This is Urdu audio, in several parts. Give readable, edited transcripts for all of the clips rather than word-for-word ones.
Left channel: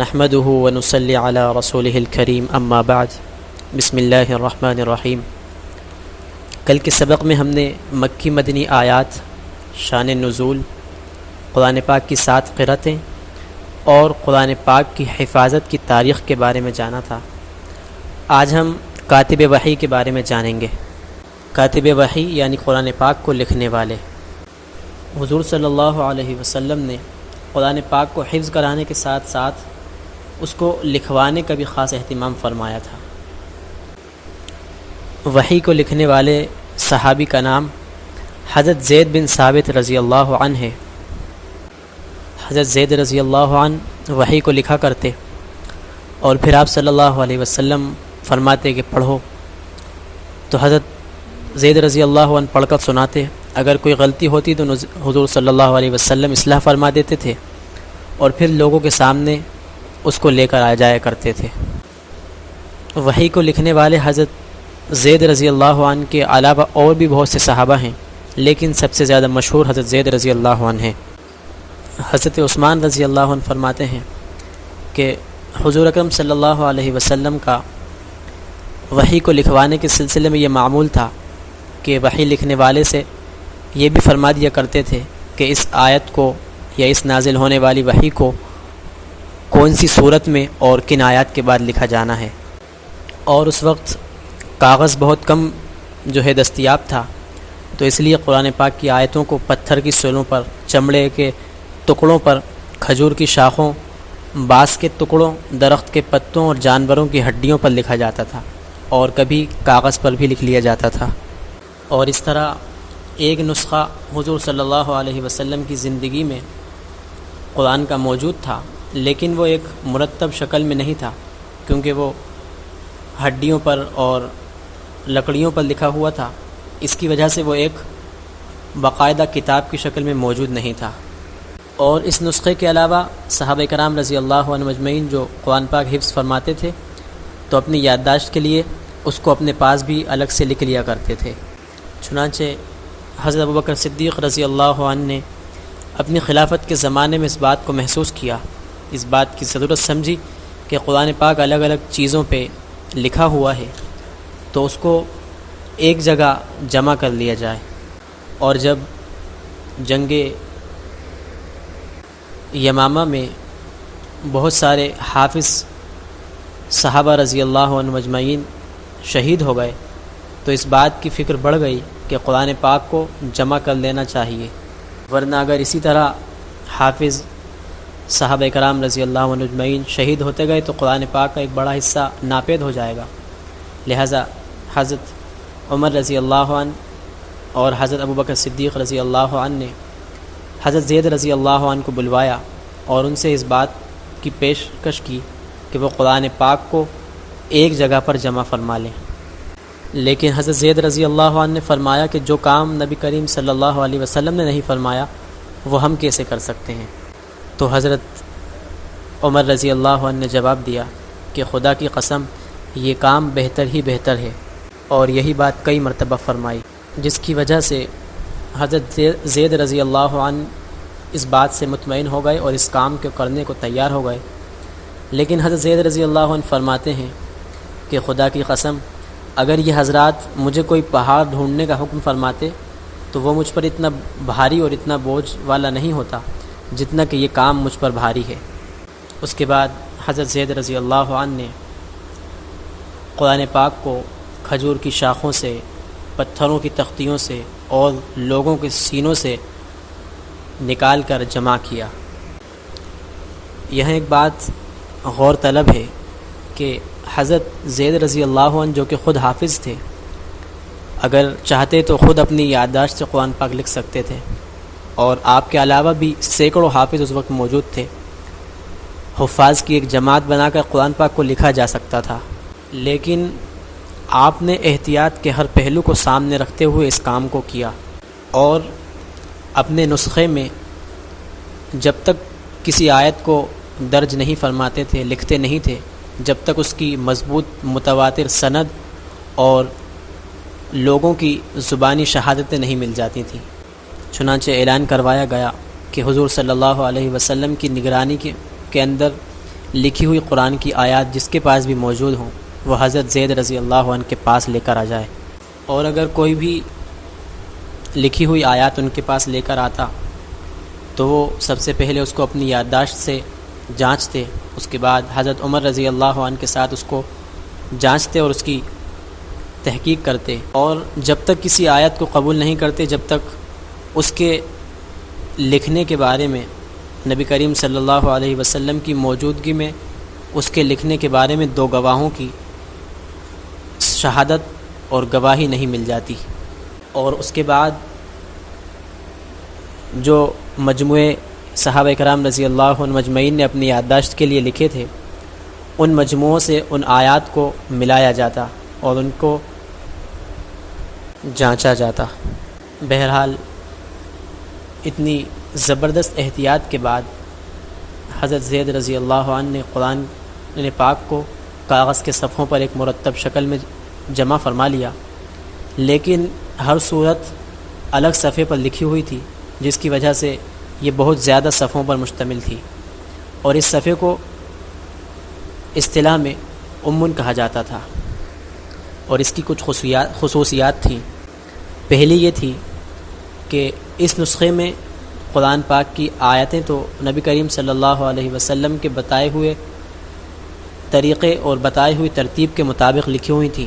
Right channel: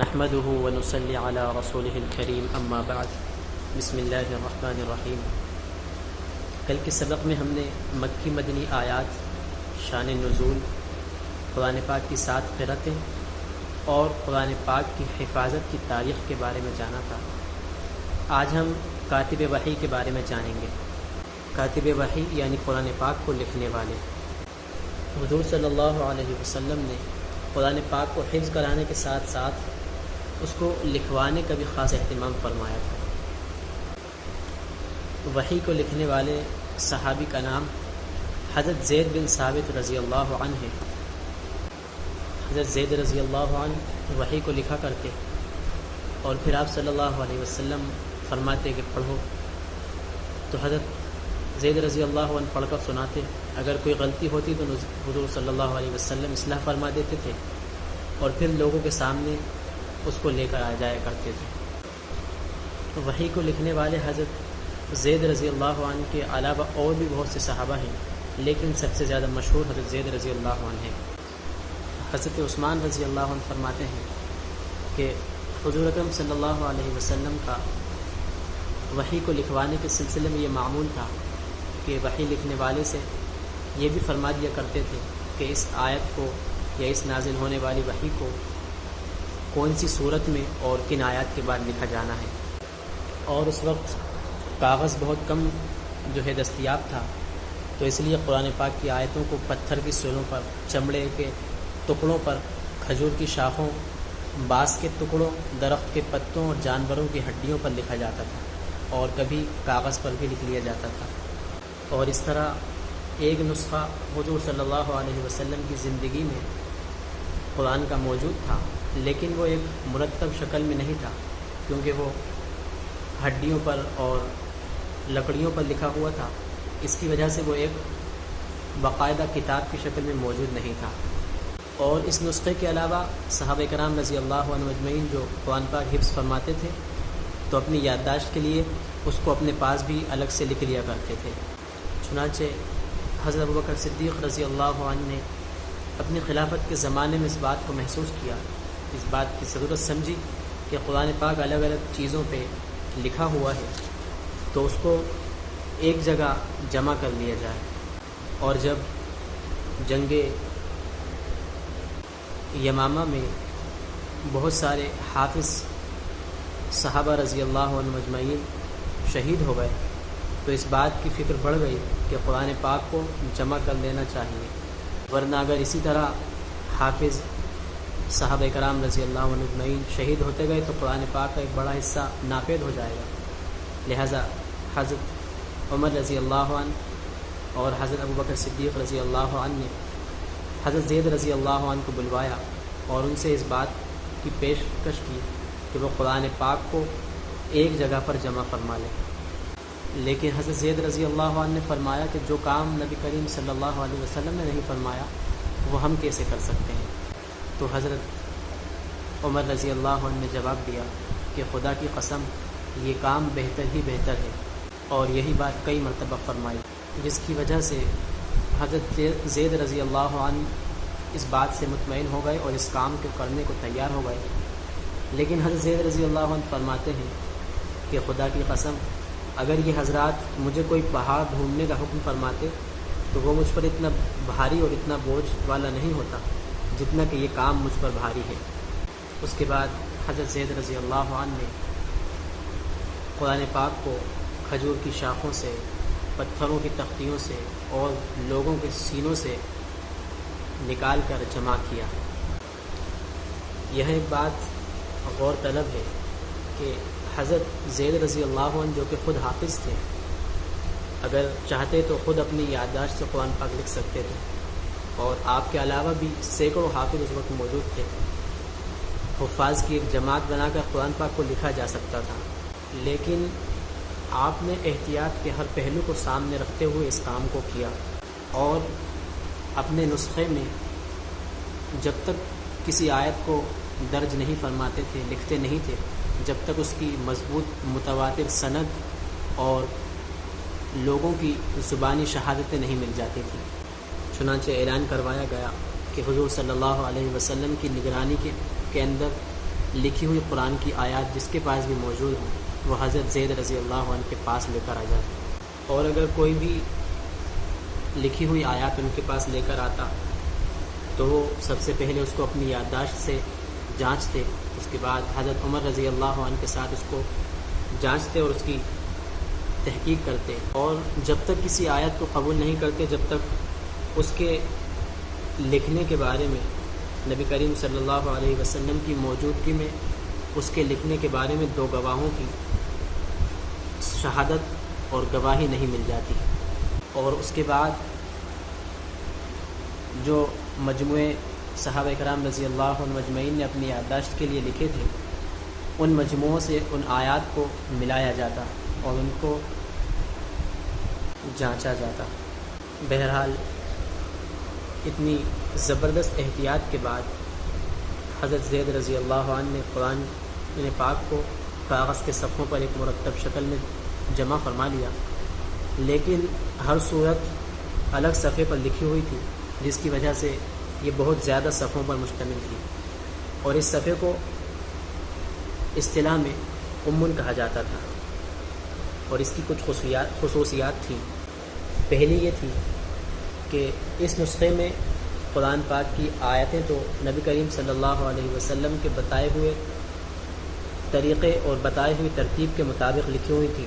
نحمده ونصلي على رسوله الكريم اما بعد بسم اللہ الرحمن الرحیم۔ کل کے سبق میں ہم نے مکی مدنی آیات، شان نزول، قرآن پاک کی 7 قرأتیں اور قرآن پاک کی حفاظت کی تاریخ کے بارے میں جانا تھا۔ آج ہم کاتب وحی کے بارے میں جانیں گے۔ کاتب وحی یعنی قرآن پاک کو لکھنے والے۔ حضور صلی اللہ علیہ وسلم نے قرآن پاک کو حفظ کرانے کے ساتھ ساتھ اس کو لکھوانے کا بھی خاص اہتمام فرمایا تھا۔ وحی کو لکھنے والے صحابی کا نام حضرت زید بن ثابت رضی اللہ عنہ ہے۔ حضرت زید رضی اللہ عنہ وحی کو لکھا کرتے اور پھر آپ صلی اللہ علیہ وسلم فرماتے کہ پڑھو، تو حضرت زید رضی اللہ عنہ پڑھ کر سناتے۔ اگر کوئی غلطی ہوتی تو حضور صلی اللہ علیہ وسلم اصلاح فرما دیتے تھے اور پھر لوگوں کے سامنے اس کو لے کر آ جایا کرتے تھے۔ وحی کو لکھنے والے حضرت زید رضی اللہ عنہ کے علاوہ اور بھی بہت سے صحابہ ہیں، لیکن سب سے زیادہ مشہور حضرت زید رضی اللہ عنہ ہیں۔ حضرت عثمان رضی اللہ عنہ فرماتے ہیں کہ حضور اکرم صلی اللہ علیہ وسلم کا وحی کو لکھوانے کے سلسلے میں یہ معمول تھا کہ وحی لکھنے والے سے یہ بھی فرما دیا کرتے تھے کہ اس آیت کو یا اس نازل ہونے والی وحی کو کون سی صورت میں اور کن آیات کے بعد لکھا جانا ہے۔ اور اس وقت کاغذ بہت کم جو ہے دستیاب تھا، تو اس لیے قرآن پاک کی آیتوں کو پتھر کی سولوں پر، چمڑے کے ٹکڑوں پر، کھجور کی شاخوں، بانس کے ٹکڑوں، درخت کے پتوں اور جانوروں کی ہڈیوں پر لکھا جاتا تھا، اور کبھی کاغذ پر بھی لکھ لیا جاتا تھا۔ اور اس طرح ایک نسخہ حضور صلی اللہ علیہ وسلم کی زندگی میں قرآن کا موجود تھا، لیکن وہ ایک مرتب شکل میں نہیں تھا، کیونکہ وہ ہڈیوں پر اور لکڑیوں پر لکھا ہوا تھا۔ اس کی وجہ سے وہ ایک باقاعدہ کتاب کی شکل میں موجود نہیں تھا۔ اور اس نسخے کے علاوہ صحابہ کرام رضی اللہ عنہ مجمعین جو قرآن پاک حفظ فرماتے تھے تو اپنی یادداشت کے لیے اس کو اپنے پاس بھی الگ سے لکھ لیا کرتے تھے۔ چنانچہ حضرت ابوبکر صدیق رضی اللہ عنہ نے اپنی خلافت کے زمانے میں اس بات کو محسوس کیا، اس بات کی ضرورت سمجھی کہ قرآن پاک الگ الگ چیزوں پہ لکھا ہوا ہے تو اس کو ایک جگہ جمع کر لیا جائے۔ اور جب جنگ یمامہ میں بہت سارے حافظ صحابہ رضی اللہ عنہ مجمعین شہید ہو گئے تو اس بات کی فکر بڑھ گئی کہ قرآن پاک کو جمع کر لینا چاہیے، ورنہ اگر اسی طرح حافظ صحابہ کرام رضی اللہ عنہ مجمعین شہید ہوتے گئے تو قرآن پاک کا ایک بڑا حصہ ناپید ہو جائے گا۔ لہٰذا حضرت عمر رضی اللہ عنہ اور حضرت ابوبکر صدیق رضی اللہ عنہ نے حضرت زید رضی اللہ عنہ کو بلوایا اور ان سے اس بات کی پیشکش کی کہ وہ قرآن پاک کو ایک جگہ پر جمع فرما لیں۔ لیکن حضرت زید رضی اللہ عنہ نے فرمایا کہ جو کام نبی کریم صلی اللہ علیہ وسلم نے نہیں فرمایا وہ ہم کیسے کر سکتے ہیں؟ تو حضرت عمر رضی اللہ عنہ نے جواب دیا کہ خدا کی قسم یہ کام بہتر ہی بہتر ہے، اور یہی بات کئی مرتبہ فرمائی، جس کی وجہ سے حضرت زید رضی اللہ عنہ اس بات سے مطمئن ہو گئے اور اس کام کو کرنے کو تیار ہو گئے۔ لیکن حضرت زید رضی اللہ عنہ فرماتے ہیں کہ خدا کی قسم اگر یہ حضرات مجھے کوئی پہاڑ ڈھونڈنے کا حکم فرماتے تو وہ مجھ پر اتنا بھاری اور اتنا بوجھ والا نہیں ہوتا جتنا کہ یہ کام مجھ پر بھاری ہے۔ اس کے بعد حضرت زید رضی اللہ عنہ نے قرآن پاک کو کھجور کی شاخوں سے، پتھروں کی تختیوں سے اور لوگوں کے سینوں سے نکال کر جمع کیا۔ یہاں ایک بات غور طلب ہے کہ حضرت زید رضی اللہ عنہ جو کہ خود حافظ تھے، اگر چاہتے تو خود اپنی یادداشت سے قرآن پاک لکھ سکتے تھے، اور آپ کے علاوہ بھی سینکڑوں حافظ اس وقت موجود تھے۔ حفاظ کی ایک جماعت بنا کر قرآن پاک کو لکھا جا سکتا تھا، لیکن آپ نے احتیاط کے ہر پہلو کو سامنے رکھتے ہوئے اس کام کو کیا، اور اپنے نسخے میں جب تک کسی آیت کو درج نہیں فرماتے تھے، لکھتے نہیں تھے، جب تک اس کی مضبوط متواتر سند اور لوگوں کی زبانی شہادتیں نہیں مل جاتی تھیں۔ چنانچہ اعلان کروایا گیا کہ حضور صلی اللہ علیہ وسلم کی نگرانی کے اندر لکھی ہوئی قرآن کی آیات جس کے پاس بھی موجود ہوں وہ حضرت زید رضی اللہ عنہ کے پاس لے کر آ جائے، اور اگر کوئی بھی لکھی ہوئی آیات ان کے پاس لے کر آتا تو وہ سب سے پہلے اس کو اپنی یادداشت سے جانچتے، اس کے بعد حضرت عمر رضی اللہ عنہ کے ساتھ اس کو جانچتے اور اس کی تحقیق کرتے، اور جب تک کسی آیت کو قبول نہیں کرتے جب تک اس کے لکھنے کے بارے میں نبی کریم صلی اللہ علیہ وسلم کی موجودگی میں اس کے لکھنے کے بارے میں دو گواہوں کی شہادت اور گواہی نہیں مل جاتی۔ اور اس کے بعد جو مجموعے صحابہ کرام رضی اللہ عنہ مجمعین نے اپنی یادداشت کے لیے لکھے تھے ان مجموعوں سے ان آیات کو ملایا جاتا اور ان کو جانچا جاتا۔ بہرحال اتنی زبردست احتیاط کے بعد حضرت زید رضی اللہ عنہ نے قرآن پاک کو کاغذ کے صفحوں پر ایک مرتب شکل میں جمع فرما لیا، لیکن ہر صورت الگ صفحے پر لکھی ہوئی تھی جس کی وجہ سے یہ بہت زیادہ صفحوں پر مشتمل تھی، اور اس صفحے کو اصطلاح میں امن کہا جاتا تھا، اور اس کی کچھ خصوصیات تھیں۔ پہلی یہ تھی کہ اس نسخے میں قرآن پاک کی آیتیں تو نبی کریم صلی اللہ علیہ وسلم کے بتائے ہوئے طریقے اور بتائی ہوئی ترتیب کے مطابق لکھی ہوئی تھیں،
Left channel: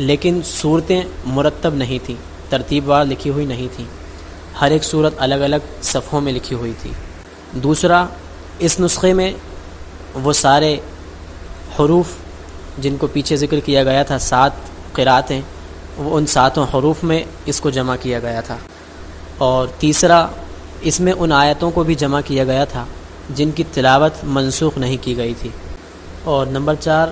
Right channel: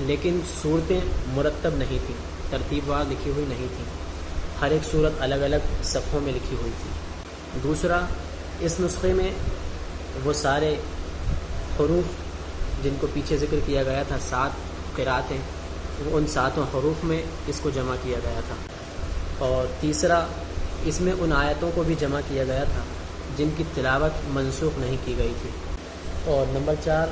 لیکن صورتیں مرتب نہیں تھیں، ترتیب وار لکھی ہوئی نہیں تھیں، ہر ایک صورت الگ الگ صفحوں میں لکھی ہوئی تھی۔ دوسرا، اس نسخے میں وہ سارے حروف جن کو پیچھے ذکر کیا گیا تھا 7 قرأتیں، وہ ان 7 حروف میں اس کو جمع کیا گیا تھا۔ اور تیسرا، اس میں ان آیتوں کو بھی جمع کیا گیا تھا جن کی تلاوت منسوخ نہیں کی گئی تھی۔ اور نمبر 4،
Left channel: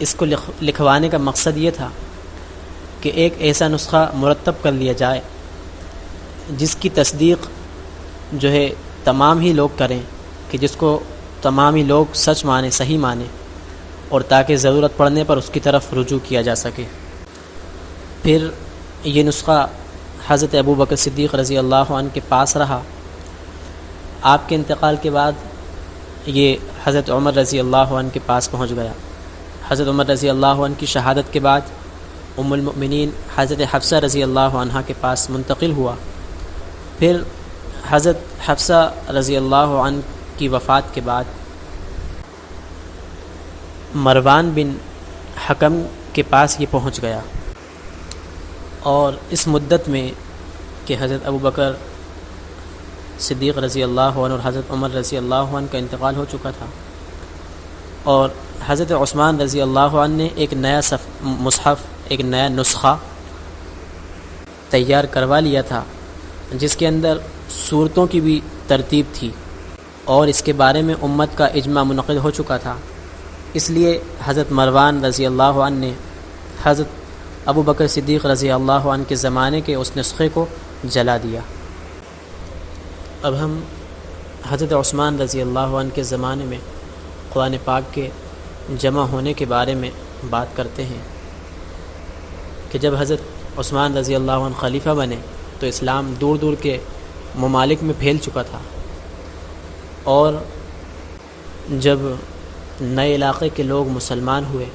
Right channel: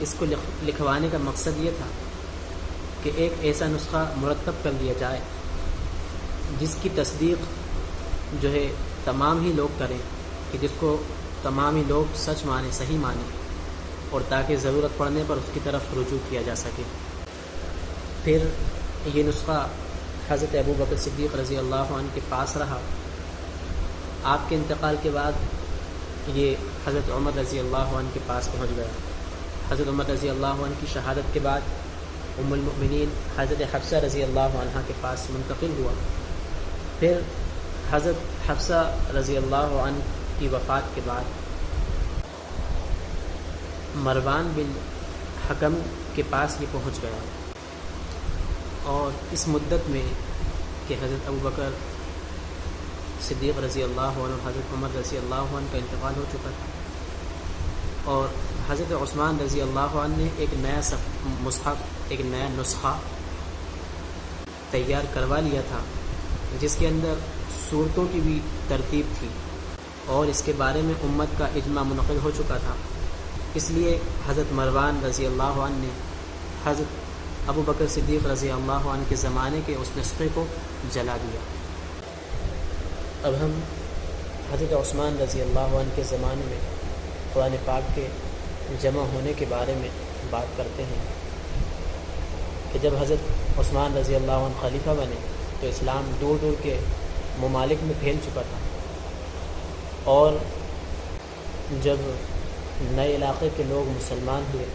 اس کو لکھوانے کا مقصد یہ تھا کہ ایک ایسا نسخہ مرتب کر لیا جائے جس کی تصدیق جو ہے تمام ہی لوگ کریں، کہ جس کو تمام ہی لوگ سچ مانیں، صحیح مانیں، اور تاکہ ضرورت پڑنے پر اس کی طرف رجوع کیا جا سکے۔ پھر یہ نسخہ حضرت ابو بکر صدیق رضی اللہ عنہ کے پاس رہا۔ آپ کے انتقال کے بعد یہ حضرت عمر رضی اللہ عنہ کے پاس پہنچ گیا۔ حضرت عمر رضی اللہ عنہ کی شہادت کے بعد ام المؤمنین حضرت حفصہ رضی اللہ عنہ کے پاس منتقل ہوا۔ پھر حضرت حفصہ رضی اللہ عنہ کی وفات کے بعد مروان بن حکم کے پاس یہ پہنچ گیا، اور اس مدت میں کہ حضرت ابو بکر صدیق رضی اللہ عنہ اور حضرت عمر رضی اللہ عنہ کا انتقال ہو چکا تھا، اور حضرت عثمان رضی اللہ عنہ نے ایک نیا مصحف، ایک نیا نسخہ تیار کروا لیا تھا جس کے اندر صورتوں کی بھی ترتیب تھی، اور اس کے بارے میں امت کا اجماع منعقد ہو چکا تھا۔ اس لیے حضرت مروان رضی اللہ عنہ نے حضرت ابو بکر صدیق رضی اللہ عنہ کے زمانے کے اس نسخے کو جلا دیا۔ اب ہم حضرت عثمان رضی اللہ عنہ کے زمانے میں قرآن پاک کے جمع ہونے کے بارے میں بات کرتے ہیں کہ جب حضرت عثمان رضی اللہ عنہ خلیفہ بنے تو اسلام دور دور کے ممالک میں پھیل چکا تھا، اور جب نئے علاقے کے لوگ مسلمان ہوئے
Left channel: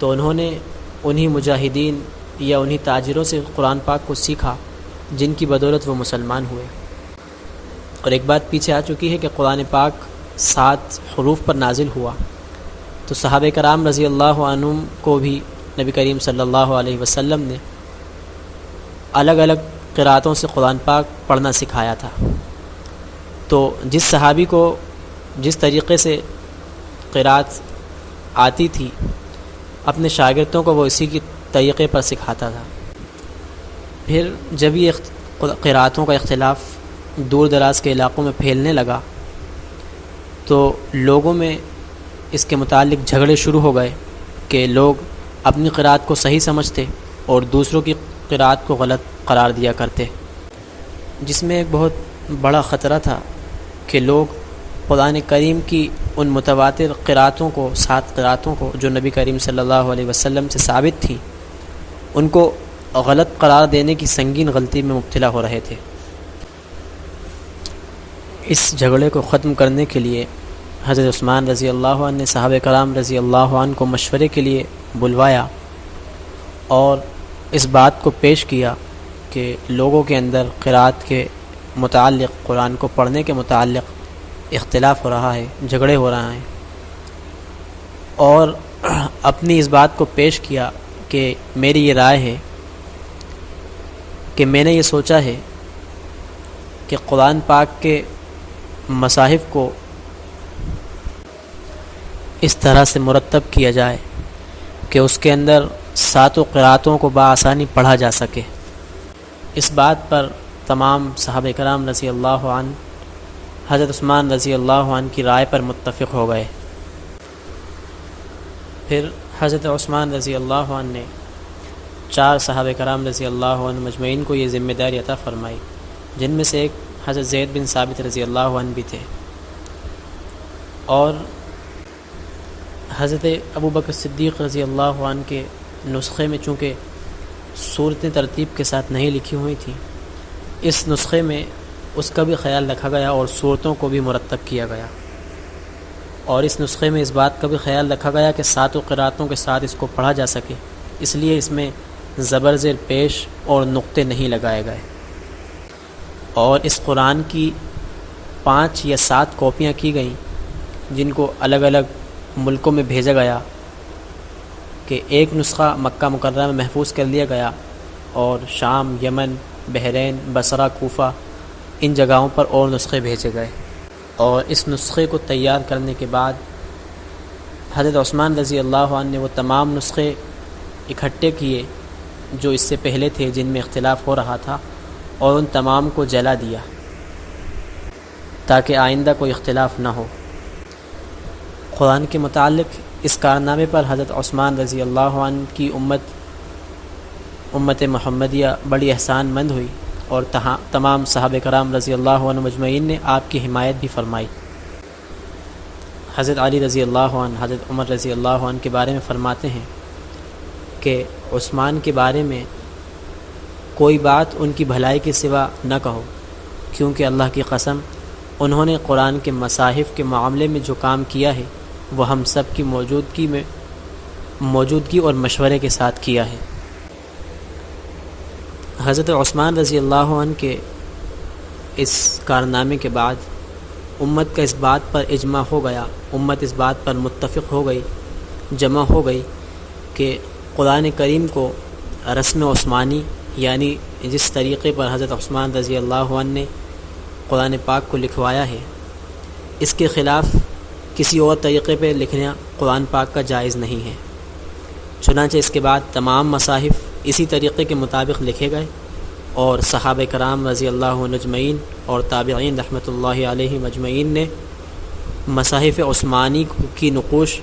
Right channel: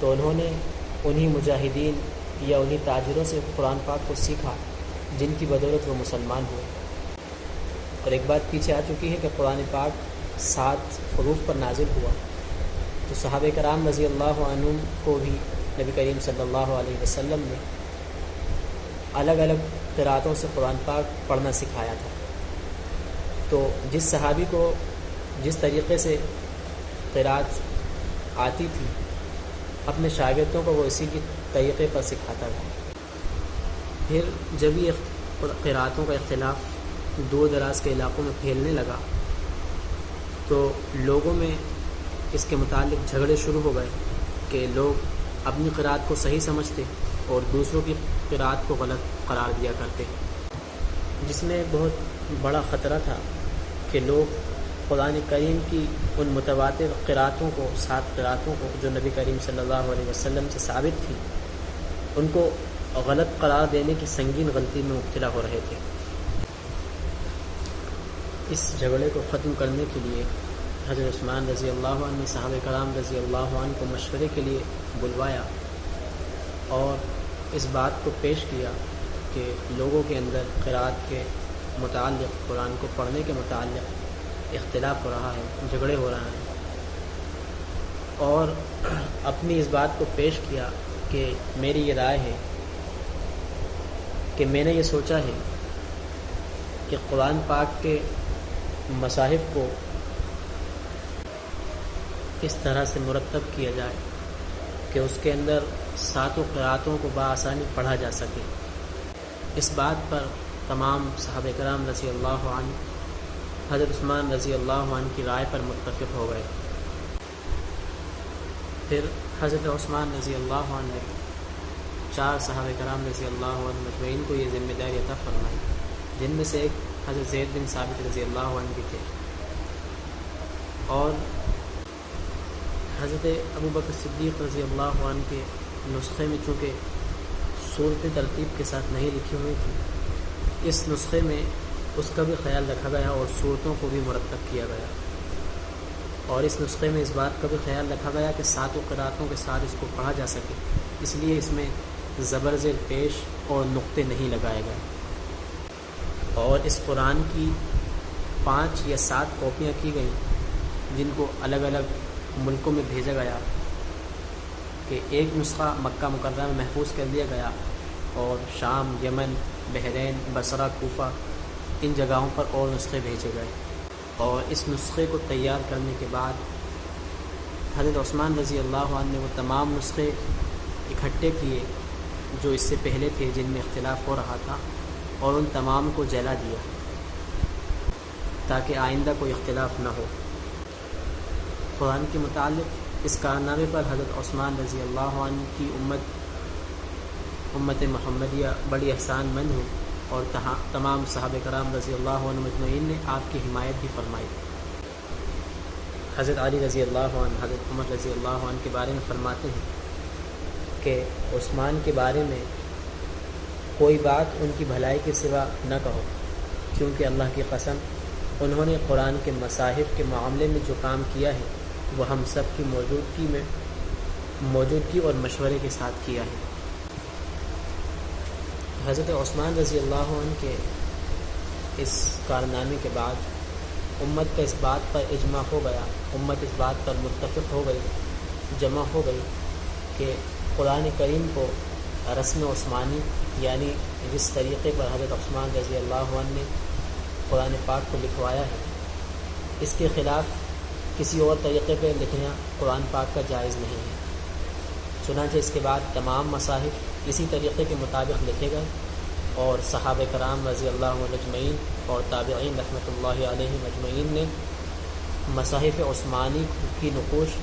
تو انہوں نے انہی مجاہدین یا انہی تاجروں سے قرآن پاک کو سیکھا جن کی بدولت وہ مسلمان ہوئے۔ اور ایک بات پیچھے آ چکی ہے کہ قرآن پاک 7 حروف پر نازل ہوا، تو صحابہ کرام رضی اللہ عنہم کو بھی نبی کریم صلی اللہ علیہ وسلم نے الگ الگ قرأتوں سے قرآن پاک پڑھنا سکھایا تھا۔ تو جس صحابی کو جس طریقے سے قرأت آتی تھی اپنے شاگردوں کو وہ اسی کی طریقے پر سکھاتا تھا۔ پھر جب یہ قرأتوں کا اختلاف دور دراز کے علاقوں میں پھیلنے لگا تو لوگوں میں اس کے متعلق جھگڑے شروع ہو گئے کہ لوگ اپنی قرأت کو صحیح سمجھتے اور دوسروں کی قرأت کو غلط قرار دیا کرتے، جس میں ایک بہت بڑا خطرہ تھا کہ لوگ قرآن کریم کی ان متواتر قرأتوں کو، 7 قرأتوں کو جو نبی کریم صلی اللہ علیہ وسلم سے ثابت تھی، ان کو غلط قرار دینے کی سنگین غلطی میں مبتلا ہو رہے تھے۔ اس جھگڑے کو ختم کرنے کے لیے حضرت عثمان رضی اللہ عنہ نے صحابہ کرام رضی اللہ عنہ کو مشورے کے لیے بلوایا اور اس بات کو پیش کیا کہ لوگوں کے اندر قرأت کے متعلق، قرآن کو پڑھنے کے متعلق اختلاف ہو رہا ہے، جھگڑے ہو رہے ہیں، اور اپنی اس بات کو پیش کیا کہ میری یہ رائے ہے کہ میں نے یہ سوچا ہے کہ قرآن پاک کے مصاحف کو اس طرح سے مرتب کیا جائے کہ اس کے اندر 7 قرأتوں کو بآسانی پڑھا جا سکے۔ اس بات پر تمام صحابہ کرام رضی اللہ عنہ حضرت عثمان رضی اللہ عنہ کی رائے پر متفق ہو گئے۔ پھر حضرت عثمان رضی اللہ عنہ نے 4 صحابہ کرام رضی اللہ عنہ مجمعین کو یہ ذمہ داری عطا فرمائی، جن میں سے ایک حضرت زید بن ثابت رضی اللہ عنہ بھی تھے، اور حضرت ابوبکر صدیق رضی اللہ عنہ کے نسخے میں چونکہ صورتیں ترتیب کے ساتھ نہیں لکھی ہوئی تھیں، اس نسخے میں اس کا بھی خیال رکھا گیا اور صورتوں کو بھی مرتب کیا گیا، اور اس نسخے میں اس بات کا بھی خیال رکھا گیا کہ 7 قرأتوں کے ساتھ اس کو پڑھا جا سکے، اس لیے اس میں زبر زیر پیش اور نقطے نہیں لگائے گئے، اور اس قرآن کی 5 یا 7 کاپیاں کی گئیں جن کو الگ الگ ملکوں میں بھیجا گیا، کہ ایک نسخہ مکہ مکرمہ میں محفوظ کر لیا گیا اور شام، یمن، بحرین، بصرہ، کوفہ، ان جگہوں پر اور نسخے بھیجے گئے، اور اس نسخے کو تیار کرنے کے بعد حضرت عثمان رضی اللہ عنہ نے وہ تمام نسخے اکٹھے کیے جو اس سے پہلے تھے جن میں اختلاف ہو رہا تھا، اور ان تمام کو جلا دیا تاکہ آئندہ کوئی اختلاف نہ ہو۔ قرآن کے متعلق اس کارنامے پر حضرت عثمان رضی اللہ عنہ کی امت محمدیہ بڑی احسان مند ہوئی، اور تمام صحابہ کرام رضی اللہ عنہ مجمعین نے آپ کی حمایت بھی فرمائی۔ حضرت علی رضی اللہ عنہ حضرت عمر رضی اللہ عنہ کے بارے میں فرماتے ہیں کہ عثمان کے بارے میں کوئی بات ان کی بھلائی کے سوا نہ کہو، کیونکہ اللہ کی قسم انہوں نے قرآن کے مصاحف کے معاملے میں جو کام کیا ہے وہ ہم سب کی موجودگی اور مشورے کے ساتھ کیا ہے۔ حضرت عثمان رضی اللہ عنہ کے اس کارنامے کے بعد امت کا اس بات پر اجماع ہو گیا، امت اس بات پر متفق ہو گئی، جمع ہو گئی کہ قرآن کریم کو رسم عثمانی، یعنی جس طریقے پر حضرت عثمان رضی اللہ عنہ نے قرآن پاک کو لکھوایا ہے، اس کے خلاف کسی اور طریقے پہ لکھنا قرآن پاک کا جائز نہیں ہے۔ چنانچہ اس کے بعد تمام مصاحف اسی طریقے کے مطابق لکھے گئے، اور صحابہ کرام رضی اللہ عنہ مجمعین اور تابعین رحمۃ اللہ علیہ مجمعین نے مصاحف عثمانی کی نقوش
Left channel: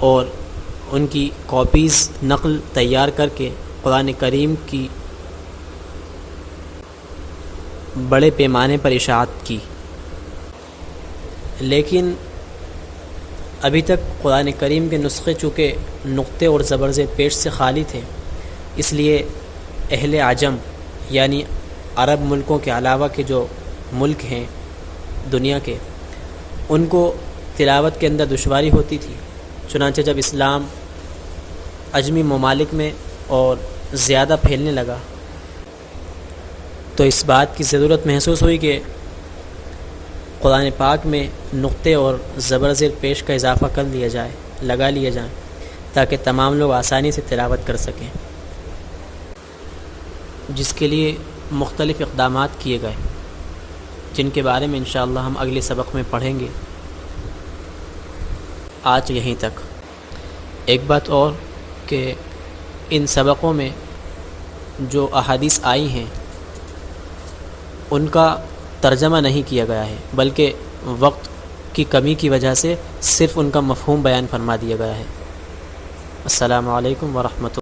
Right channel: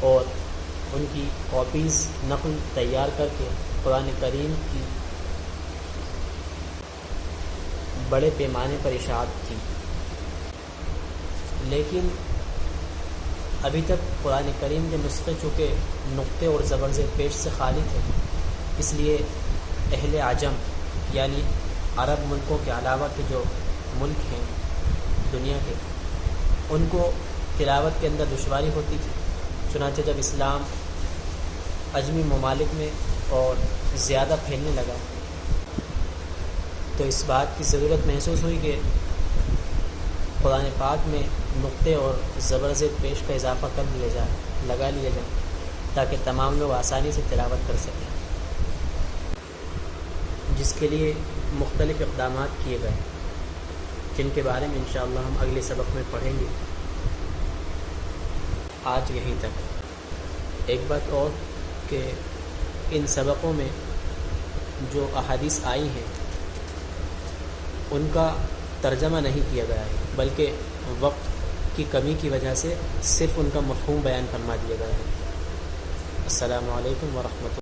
اور ان کی کاپیز نقل تیار کر کے قرآن کریم کی بڑے پیمانے پر اشاعت کی، لیکن ابھی تک قرآن کریم کے نسخے چونکہ نقطے اور زبر زیر پیش سے خالی تھے، اس لیے اہل عجم یعنی عرب ملکوں کے علاوہ کے جو ملک ہیں دنیا کے، ان کو تلاوت کے اندر دشواری ہوتی تھی۔ چنانچہ جب اسلام عجمی ممالک میں اور زیادہ پھیلنے لگا تو اس بات کی ضرورت محسوس ہوئی کہ قرآن پاک میں نقطے اور زبر زیر پیش کا اضافہ کر لیا جائے، لگا لیا جائے، تاکہ تمام لوگ آسانی سے تلاوت کر سکیں، جس کے لیے مختلف اقدامات کیے گئے، جن کے بارے میں انشاءاللہ ہم اگلے سبق میں پڑھیں گے۔ آج یہیں تک۔ ایک بات اور کہ ان سبقوں میں جو احادیث آئی ہیں ان کا ترجمہ نہیں کیا گیا ہے، بلکہ وقت کی کمی کی وجہ سے صرف ان کا مفہوم بیان فرما دیا گیا ہے۔ السلام علیکم ورحمۃ اللہ۔